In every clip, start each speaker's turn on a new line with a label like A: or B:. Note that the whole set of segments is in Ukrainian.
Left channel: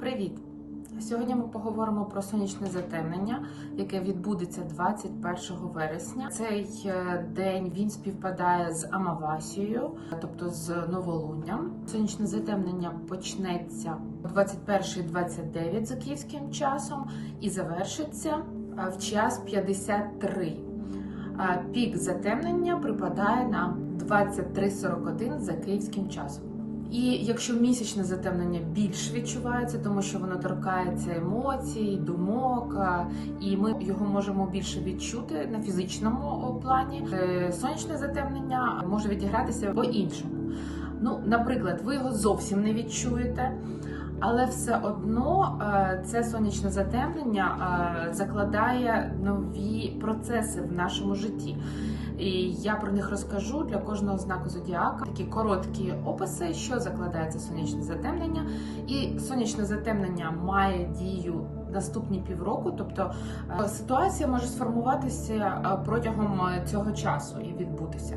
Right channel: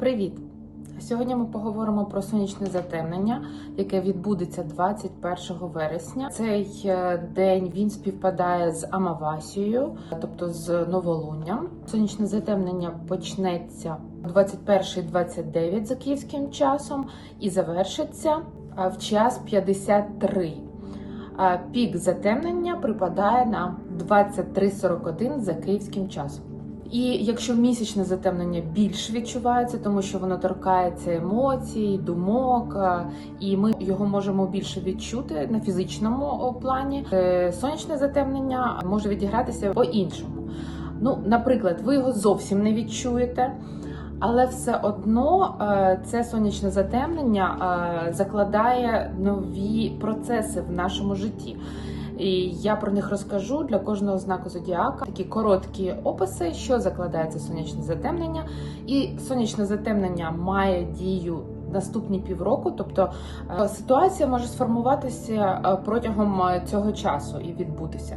A: Привіт! Сьогодні ми поговоримо про сонячне затемнення, яке відбудеться 21 вересня. Цей е, день він співпадає з Амавасією, тобто з новолунням. Сонячне затемнення почнеться 21.29 за київським часом і завершиться е, в час 53. А Пік затемнення припадає на 23.41 за київським часом. І якщо місячне затемнення більш відчувається, тому що воно торкається емоцій, думок, і ми його можемо більше відчути на фізичному плані. Е, Сонячне затемнення може відігратися по-іншому. Ну, наприклад, ви його зовсім не відчуєте. Але все одно е, це сонячне затемнення е, закладає нові процеси в нашому житті. І я про них розкажу для кожного знаку зодіака. Такі короткі описи, що закладається сонячне затемнення. І сонячне затемнення має дію наступні півроку. Тобто е, ситуація може сформуватися е, протягом е, цього часу і відбутися.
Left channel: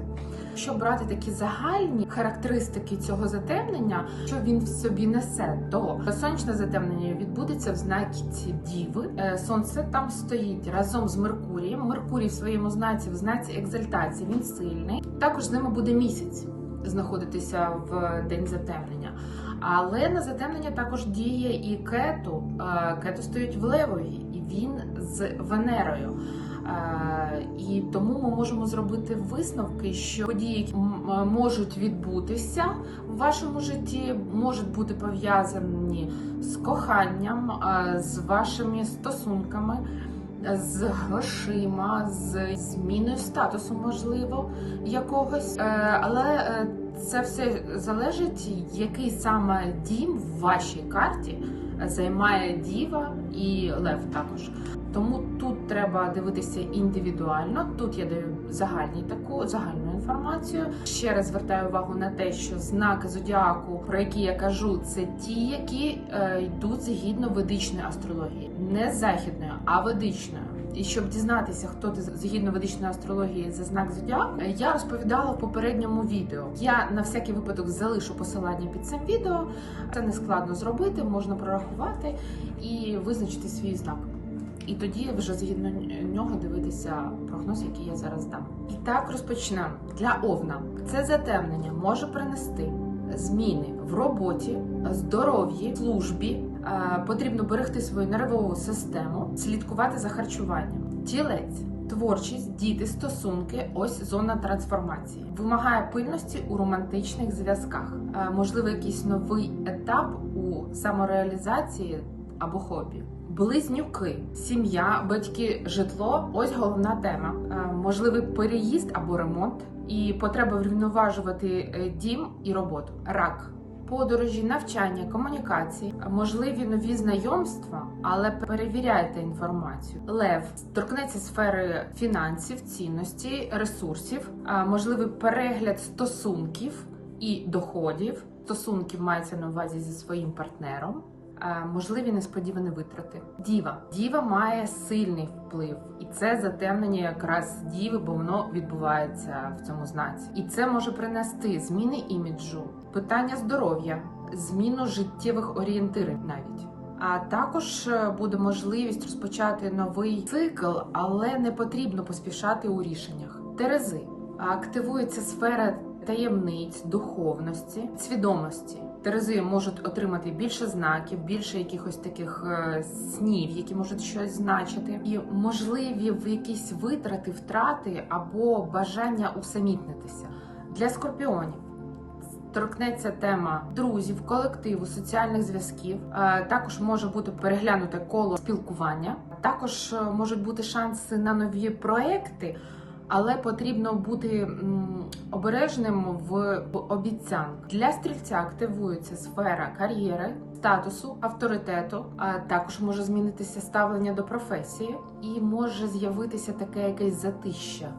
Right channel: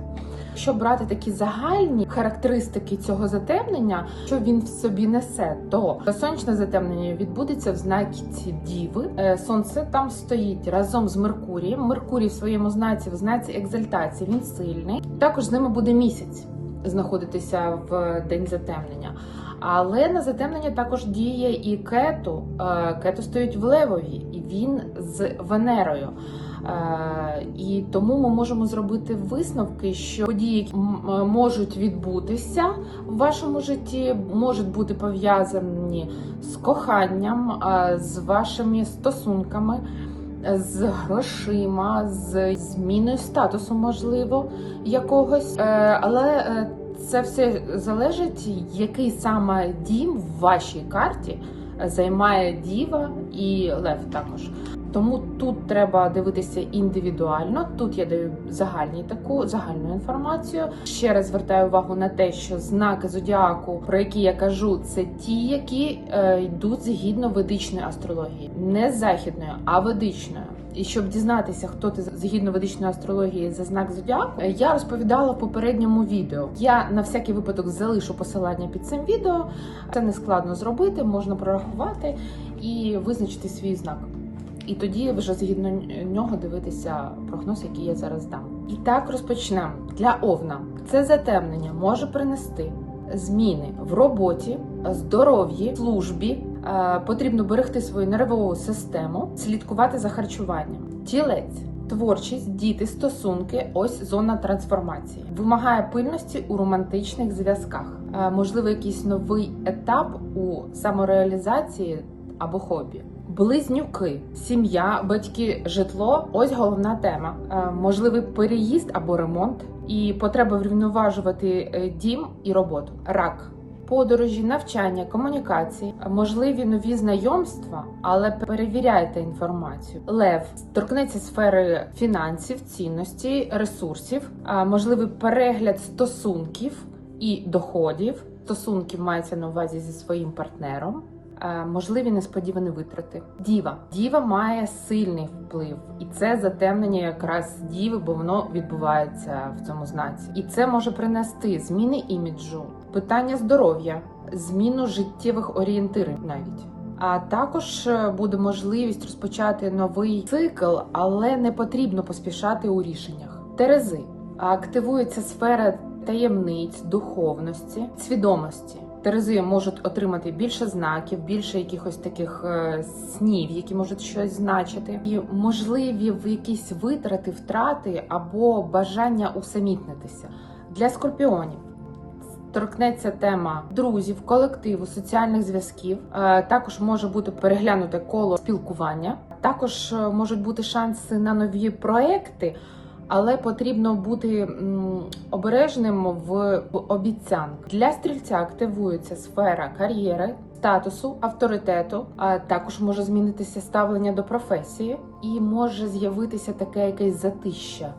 A: Якщо брати такі загальні характеристики цього затемнення, що він в собі несе, то сонячне затемнення відбудеться в знаці Діви. Сонце там стоїть разом з Меркурієм. Меркурій в своєму знаці в знаці екзальтації. Він сильний. Також з ними буде місяць знаходитися в день затемнення. Але на затемнення також діє і кету. Е, Кету стоїть в Левові, і він з Венерою. Е, І тому ми можемо зробити висновки, що події м- можуть відбутися в вашому житті, можуть бути пов'язані з коханням, е, з вашими стосунками, е, з грошима, з зміною статусу, можливо, якогось. Е, Але е, це все залежить, який саме дім в вашій карті займає діва і лев також. Тому тут треба дивитися індивідуально. Тут я даю загальні таку загальну інформацію. Ще раз звертаю увагу на те, що знаки зодіаку, про які я кажу, це ті, які е, йдуть згідно ведичної астрології, не західної, а ведичної. І щоб дізнатися, хто ти згідно ведичної астрології за знак зодіаку, е, я розповідала в попередньому відео. Я на всякий випадок залишу посилання під цим відео. Це не складно зробити, можна прорахувати і визначити свій знак. І тоді вже згідно нього дивитися прогноз, який я зараз дам. І так розпочнемо. Для овна це затемнення може принести зміни в роботі, здоров'ї, службі. Е, Потрібно берегти свою нервову систему, слідкувати за харчуванням. Тілець. Творчість, діти, стосунки, ось зона трансформації. Вимагає пильності у романтичних зв'язках. Е, Можливо, якийсь новий етап у самореалізації або хобі. Близнюки, сім'я, батьки, житло ось головна тема. Е, Можливий переїзд або ремонт, і потреба врівноважувати дім і роботу. Рак. Подорожі, навчання, комунікації, можливі нові знайомства, але перевіряйте інформацію. Лев торкнеться сфери фінансів, цінності, ресурсів, можливий перегляд стосунків і доходів. Стосунків мається на увазі зі своїм партнером. Можливі несподівані витрати. Діва. Діва має сильний вплив, і це затемнення якраз діви, бо воно відбувається в цьому знаці. І це може принести зміни іміджу, питання здоров'я, зміну життєвих орієнтирів навіть. А також е, буде можливість розпочати новий цикл, але не потрібно поспішати у рішеннях. Терези активується сфера таємниць, духовності, свідомості. Терези можуть отримати більше знаків, більше якихось таких е, снів, які можуть щось значити, і можливі якісь витрати, втрати або бажання усамітнитися для скорпіонів торкнеться тема друзів, колективу, соціальних зв'язків. Е, Також може бути переглянуте коло спілкування. Також е, можуть бути шанси на нові проекти, але потрібно бути обережним в обіцянках. Для стрільця активується сфера кар'єри. Статусу, авторитету, а також може змінитися ставлення до професії, і може з'явитися таке якесь затища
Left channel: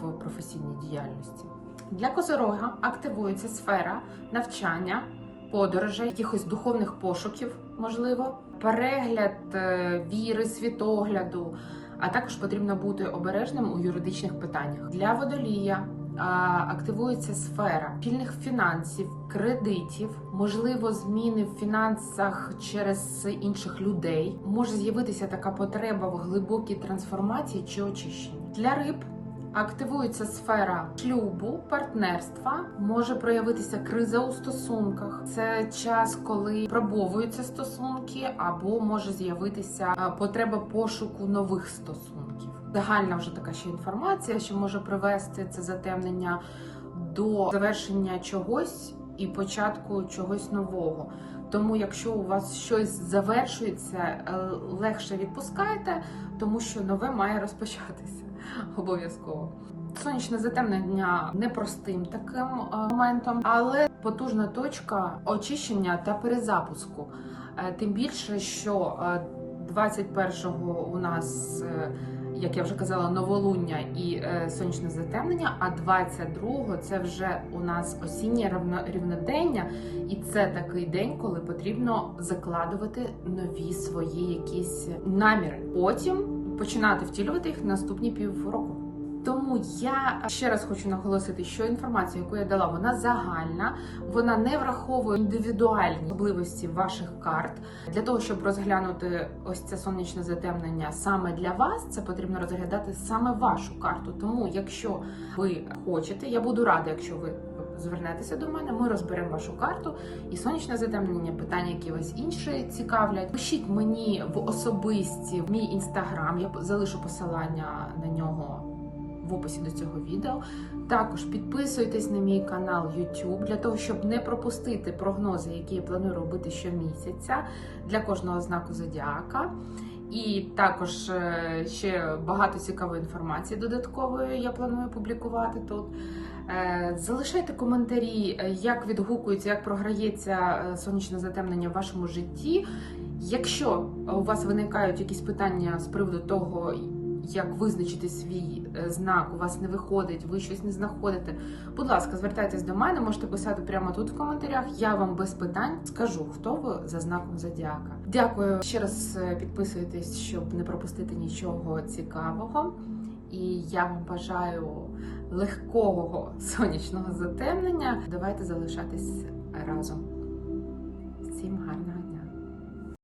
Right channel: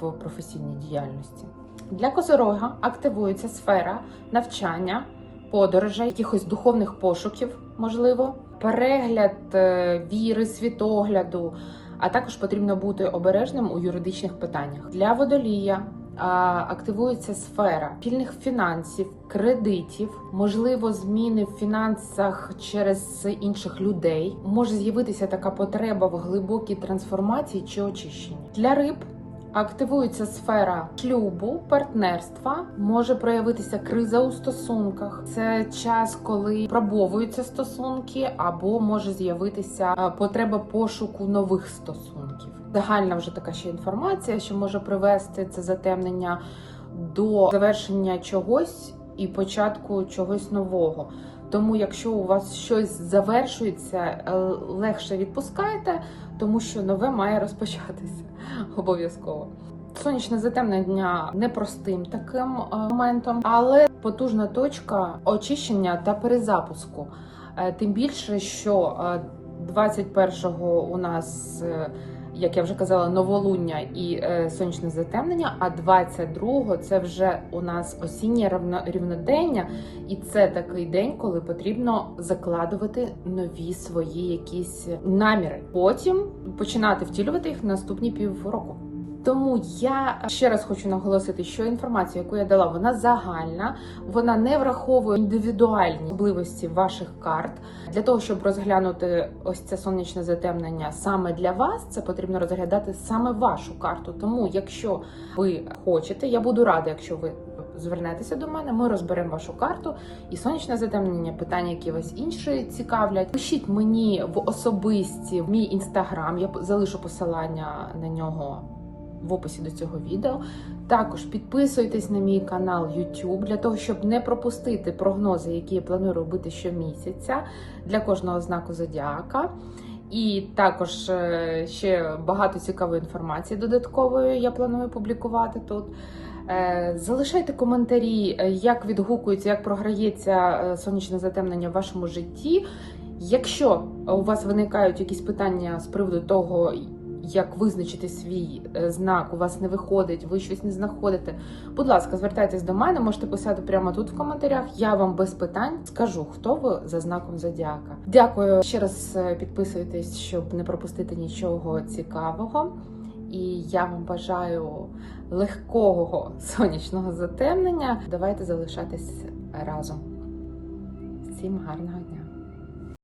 A: в професійній діяльності. Для козорога активується сфера навчання, подорожей, якихось духовних пошуків, можливо, перегляд е, віри, світогляду. А також потрібно бути обережним у юридичних питаннях. Для водолія активується сфера спільних фінансів, кредитів, можливо, зміни в фінансах через інших людей. Може з'явитися така потреба в глибокій трансформації чи очищенні для риб. Активується сфера шлюбу, партнерства, може проявитися криза у стосунках. Це час, коли пробовуються стосунки, або може з'явитися е, потреба пошуку нових стосунків. Загальна вже така ще інформація, що може привести це затемнення до завершення чогось і початку чогось нового. Тому, якщо у вас щось завершується, е, легше відпускайте, тому що нове має розпочатися обов'язково. Сонячне затемнення непростим таким е, моментом, але потужна точка очищення та перезапуску. Е, Тим більше, що е, 21-го у нас, е, як я вже казала, новолуння і е, сонячне затемнення, а 22-го це вже у нас осіннє рівнодення, і це такий день, коли потрібно закладувати нові свої якісь наміри. Потім починати втілювати їх в наступні півроку. Тому я ще раз хочу наголосити, що інформація, яку я дала, вона загальна, вона не враховує індивідуальні особливості ваших карт. Для того щоб розглянути ось це сонячне затемнення саме для вас, це потрібно розглядати саме вашу карту. Тому, якщо ви хочете, я буду рада, якщо ви звернетеся до мене, ми розберемо вашу карту і сонячне затемнення, питання, які вас інші цікавлять. Пишіть мені в особисті в мій інстаграм. Я залишу посилання на нього в описі до цього відео. Також підписуйтесь на мій канал YouTube для того, щоб не пропустити прогнози, які я планую робити щомісяця для кожного знаку зодіака. І також е, ще багато цікавої інформації додаткової я планую публікувати тут. Е, Залишайте коментарі, е, як відгукується, як програється сонячне затемнення в вашому житті. Якщо у вас виникають якісь питання з приводу того, як визначити свій е, знак, у вас не виходить, ви щось не знаходите. Будь ласка, звертайтесь до мене, можете писати прямо тут в коментарях. Я вам без питань скажу, хто ви за знаком зодіака. Дякую ще раз е, підписуйтесь, щоб не пропустити нічого цікавого. І я вам бажаю легкого сонячного затемнення. Давайте залишатись разом. Всім гарного дня!